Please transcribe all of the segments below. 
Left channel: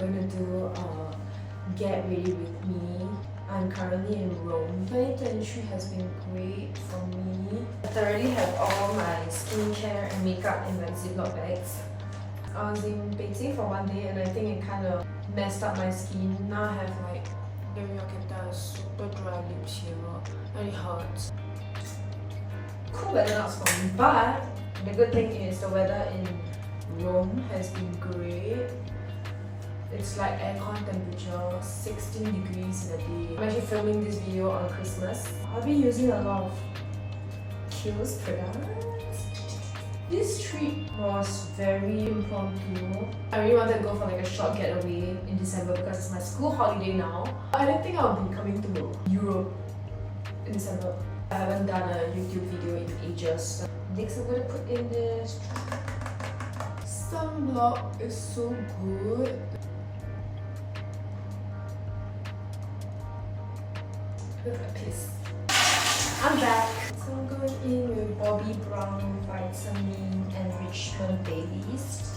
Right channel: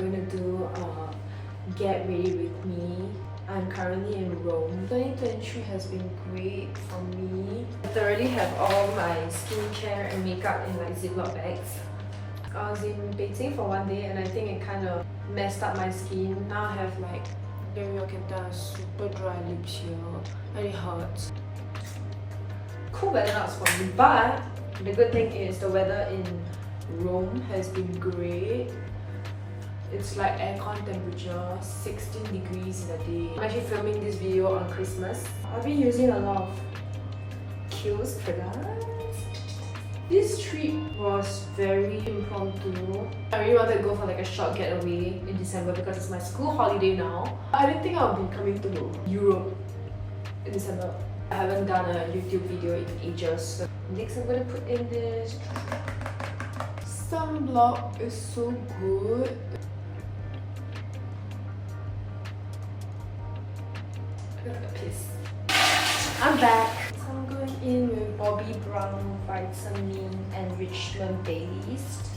going to do a get ready with me. I'm currently in Rome. 2023 has been great for me. I thoroughly have all my skincare and makeup in like Ziploc bags. I was in Beijing for one day and I think it kind of messed up my skin. Now I have like, maybe you can tell, super dry lips here and it hurts. Cool weather now for me, but the good thing is the weather in Rome has been great. It's like aircon temperature, 16 degrees in a day. I'm actually filming this video on Christmas. I've been using a lot of Kiehl's products. This trip was very impromptu. I really wanted to go for like a short getaway in December because it's my school holiday now. I didn't think I'll be coming to Europe in December. I haven't done a YouTube video in ages. So next I'm gonna put in this sunblock. Is so good. Piss. I'm back. So I'm going in with Bobbi Brown Vitamin Enrichment Base.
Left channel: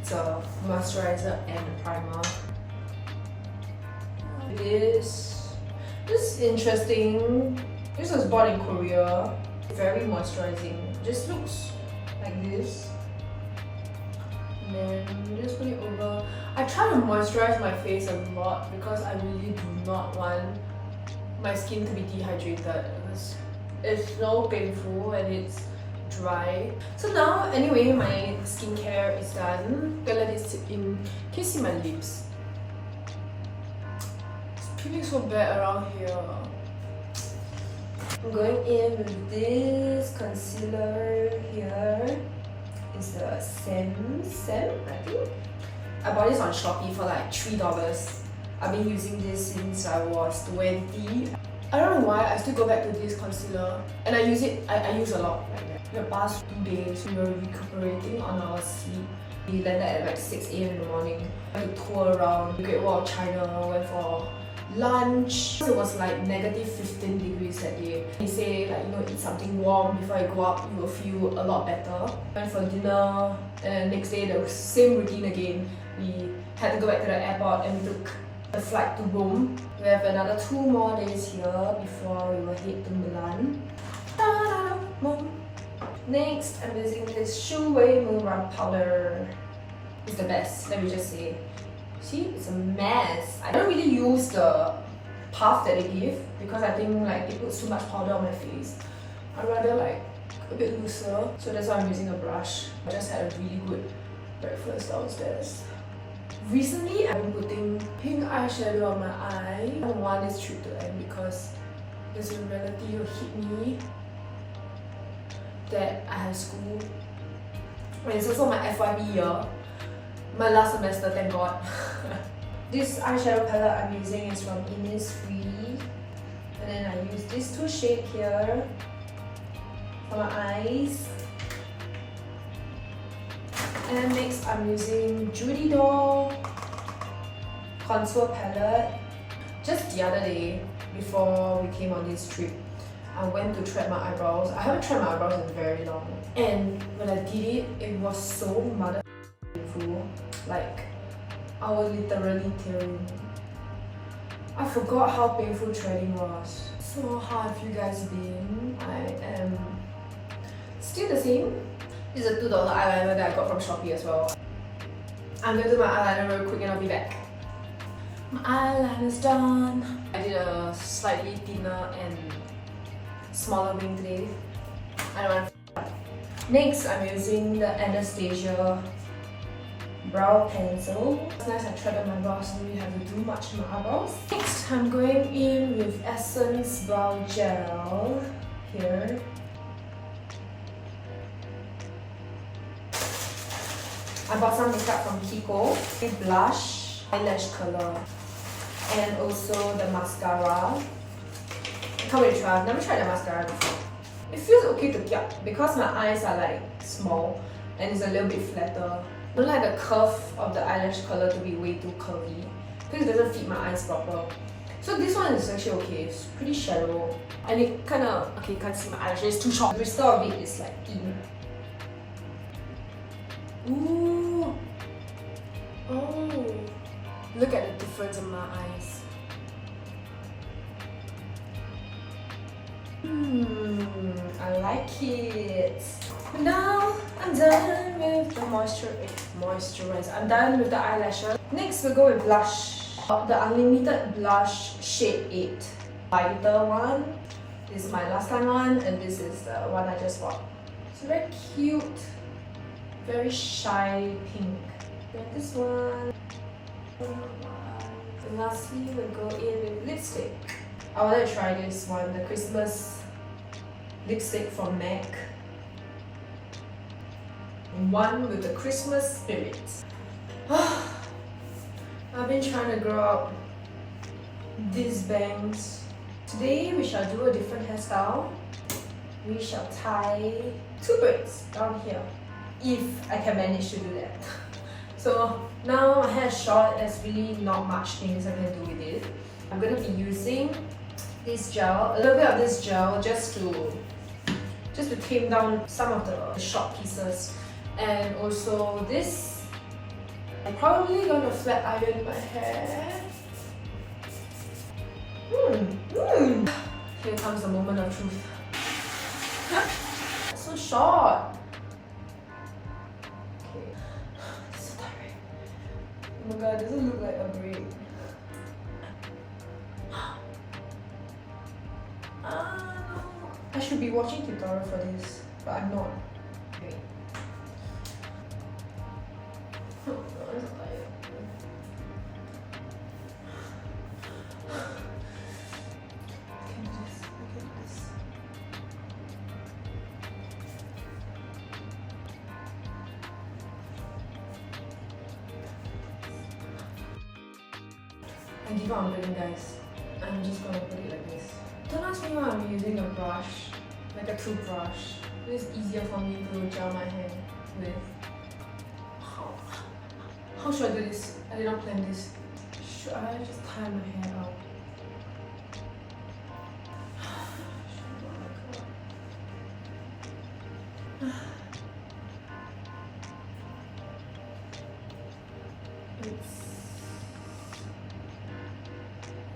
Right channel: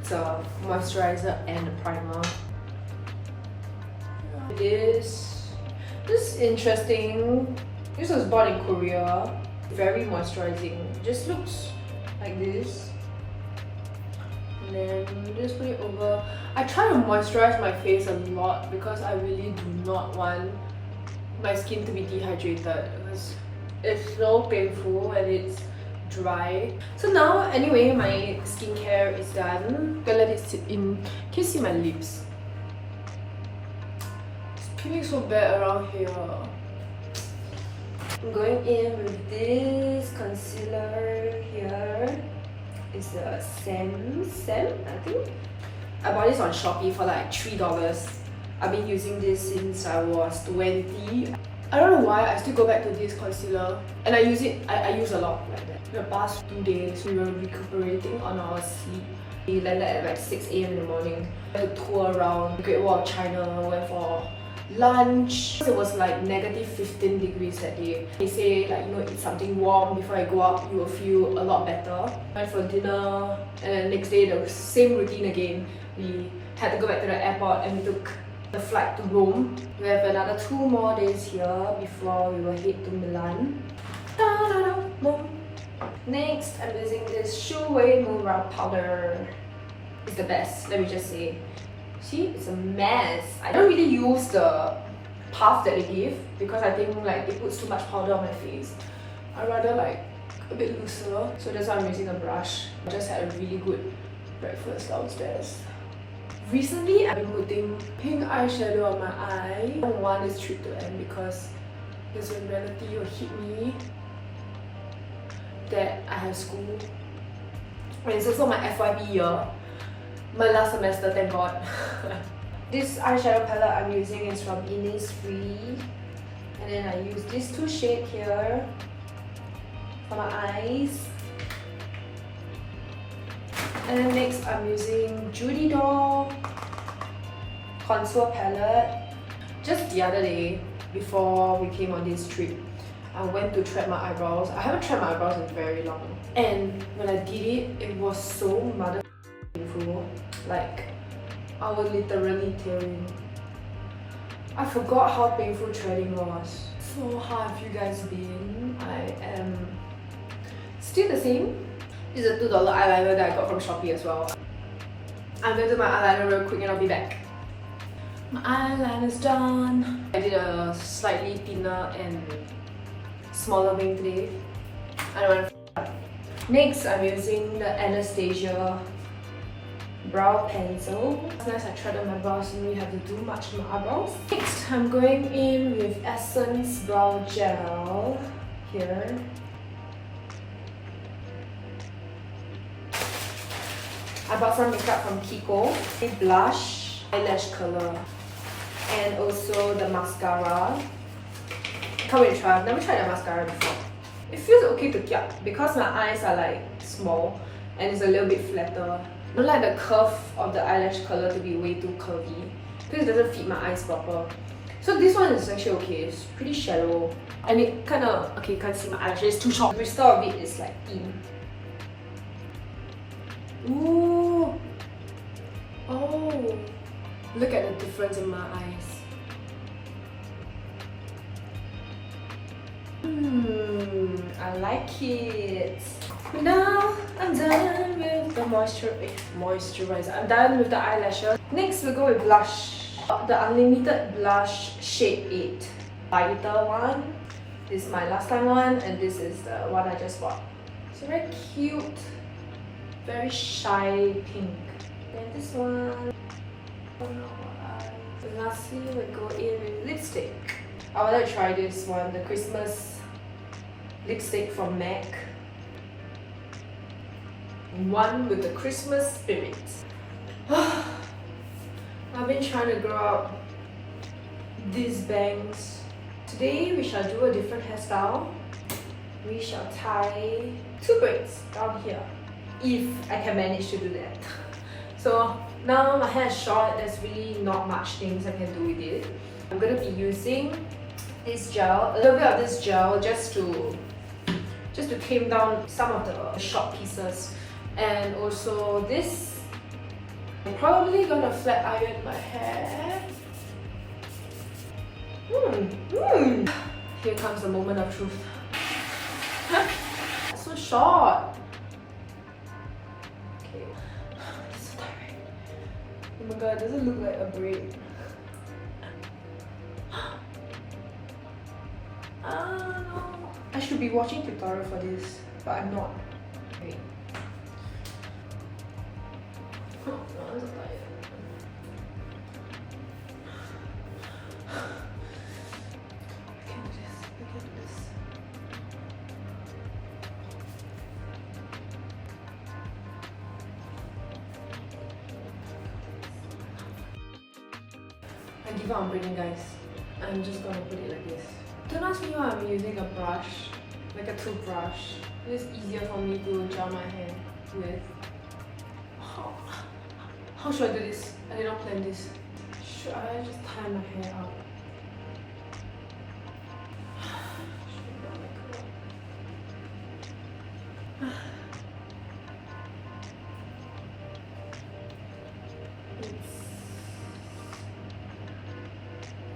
It's a moisturizer and a primer. This is interesting. This was bought in Korea. Very moisturizing. Just looks like this. And then just put it over. I try to moisturize my face a lot because I really do not want my skin to be dehydrated because it's so painful and it's dry. So now, anyway, my skincare is done. I'm gonna let it sit in. Can you see my lips? It's peeling so bad around here. I'm going in with this concealer here. It's the Sam, I think. I bought this on Shopee for like $3. I've been using this since I was 20. I don't know why I still go back to this concealer and I use it. I use a lot like that. The past 2 days we were recuperating on our sleep. We landed at like 6 AM in the morning. We had to tour around the Great Wall of China, went for lunch. It was like negative 15 degrees that day. They say like, you know, eat something warm before I go out, you will feel a lot better. Went for dinner and next day the same routine again. We had to go back to the airport and we took the flight to Rome. We have another 2 more days here before we will head to Milan. Next, I'm using this Shu Wei Moon Brow Powder. It's the best, let me just say. See, it's a mess. I don't really use the puff that they give because I think like they put too much powder on my face. I'd rather like a bit looser, so that's why I'm using a brush. I just had a really good breakfast downstairs. Recently, I've been putting pink eyeshadow on my eye. I don't want this trip to end because there's a relative who hit me that I have school. And it's also my FYP year. My last semester, thank God. This eyeshadow palette I'm using is from Innisfree. And then I use these 2 shades here for my eyes. And then next I'm using Judy Doll Contour Palette. Just the other day, before we came on this trip, I went to thread my eyebrows. I haven't thread my eyebrows in very long. And when I did it, it was so mother painful. Like, I was literally tearing. I forgot how painful threading was. So how have you guys been? I am still the same. This is a $2 eyeliner that I got from Shopee as well. I'm going to do my eyeliner real quick and I'll be back. My eyeliner's done. I did a slightly thinner and smaller wing today. I don't want to. Next, I'm using the Anastasia brow pencil. It's nice I threaded my brows, so I don't really have to do much to my eyebrows. Next, I'm going in with Essence Brow Gel here. I bought some makeup from Kiko. A blush, eyelash color, and also the mascara. I can't wait to try. I've never tried the mascara before. It feels okay to kiap because my eyes are like small and it's a little bit flatter. I don't like the curve of the eyelash color to be way too curvy because it doesn't fit my eyes proper. So this one is actually okay. It's pretty shallow and it kind of, okay, you can't see my eyelashes, it's too short. The bristle of it is like in. Ooh. Oh. Look at the difference in my eyes. I like it. But now I'm done with the moisturizer. I'm done with the eyelashes. Next we'll go with blush. The Unlimited Blush Shade 8. Lighter one. This is my last time one, and this is the one I just bought. It's very cute. Very shy pink. And this one. And lastly, we'll go in with lipstick. I wanted to try this one, the Christmas lipstick from MAC. One with the Christmas spirit. I've been trying to grow out these bangs. Today we shall do a different hairstyle. We shall tie 2 braids down here, if I can manage to do that. So now my hair is short, there's really not much things I can do with it. I'm going to be using this gel, a little bit of this gel just to tame down some of the short pieces. And also this, I'm probably going to flat iron my hair. Here comes the moment of truth. It's so short. Okay. It's so tiring. Oh my god, does it look like a braid? No. I should be watching tutorial for this, but I'm not. Wait. I'm so tired. I give up on braiding, guys. I'm just gonna put it like this. Don't ask me why I'm using a brush, like a toothbrush. It's easier for me to gel my hair with. How should I do this? I did not plan this. Should I just tie my hair up? It's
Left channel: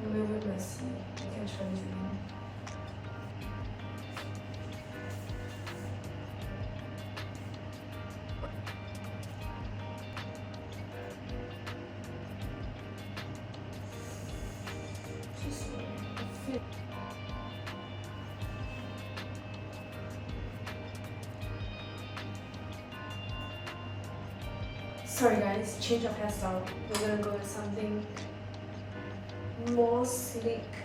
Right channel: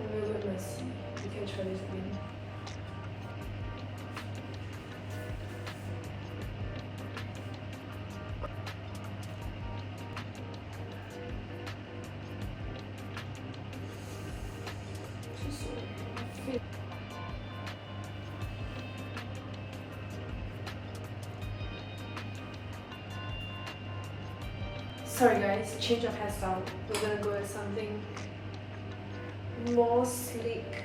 a little bit messy. You can try this again. Sorry guys, change of hairstyle. We're gonna go with something more sleek.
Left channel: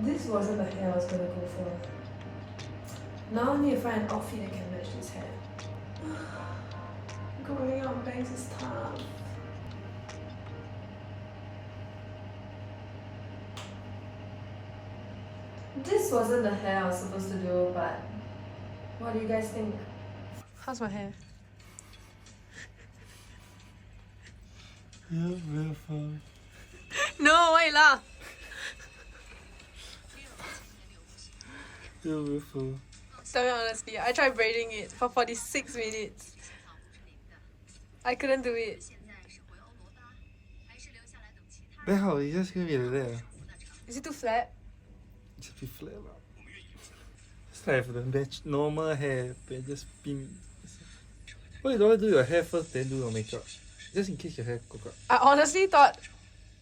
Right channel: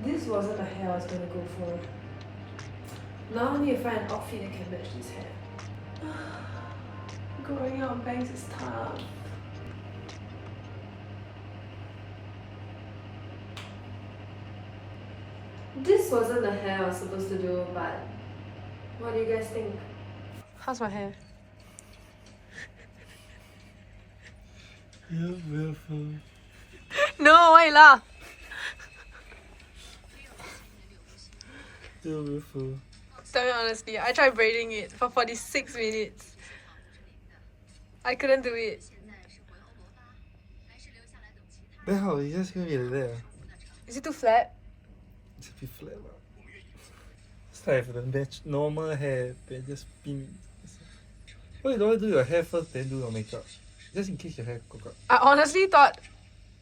This wasn't the hair I was gonna go for. Now I need to find an outfit that can match this hair. Growing out bangs is tough. This wasn't the hair I was supposed to do, but what do you guys think? How's my hair? You're beautiful. No, why you laugh? You're beautiful. Tell me honestly, I tried braiding it for 46 minutes. I couldn't do it. Then how? You just gonna be like that? Is it too flat? Just be flat lah. It's like for the match normal hair, then just pin. Why you don't want to do your hair first, then do your makeup? Just in case your hair cook up. I honestly thought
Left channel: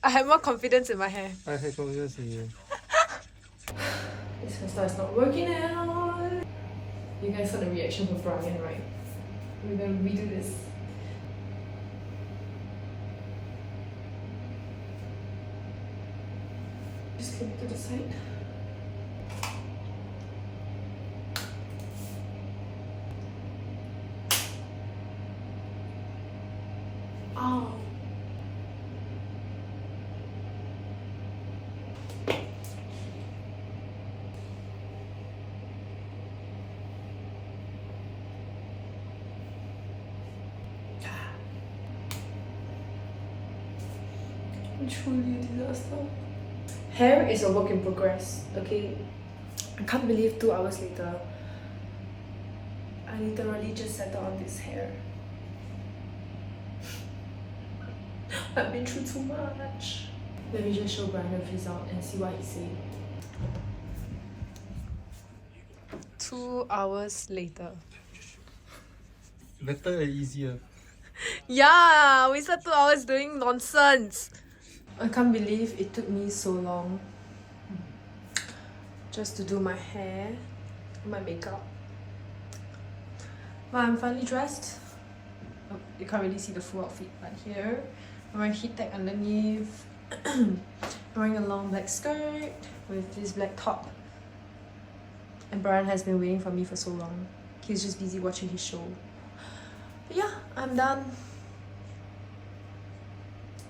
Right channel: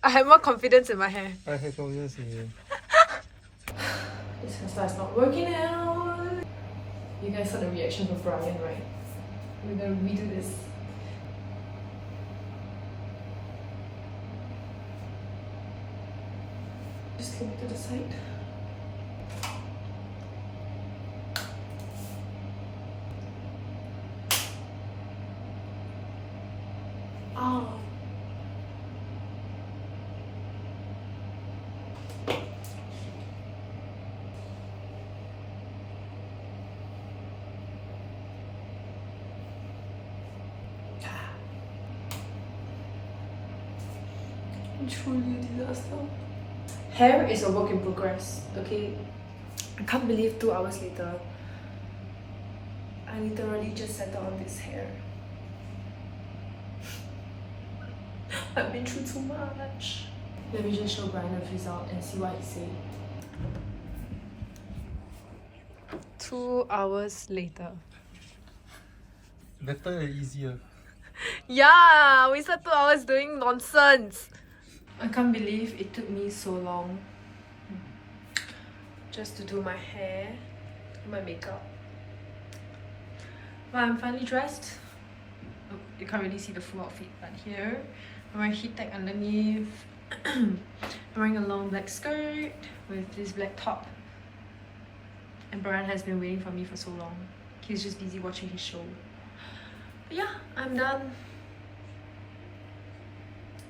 I had more confidence in my hair. I have confidence in you. This hairstyle is not working out. You guys saw the reaction of Brian, right? We're gonna redo this. Just keep it to the side. Oh. Truly a disaster. Hair is a work in progress, okay? I can't believe 2 hours later, I literally just settled on this hair. I've been through too much. Let me just show Brian the result and see what he said. 2 hours later. Better and easier. Yeah, we spent 2 hours doing nonsense. I can't believe it took me so long just to do my hair, my makeup. Well, I'm finally dressed. Oh, you can't really see the full outfit, but here I'm wearing heat tech underneath. I'm wearing a long black skirt with this black top. And Brian has been waiting for me for so long. He's just busy watching his show. But yeah, I'm done.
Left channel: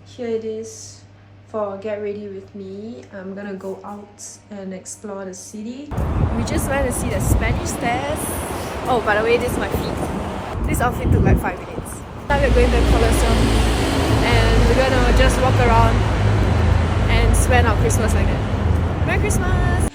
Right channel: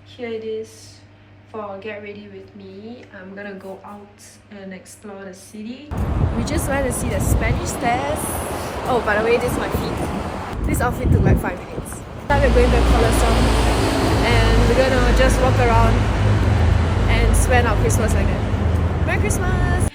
Here it is for Get Ready With Me. I'm gonna go out and explore the city. We just went to see the Spanish stairs. Oh, by the way, this is my feet. This outfit took like 5 minutes. Now we're going to the Colosseum and we're gonna just walk around and spend our Christmas like that. Merry Christmas!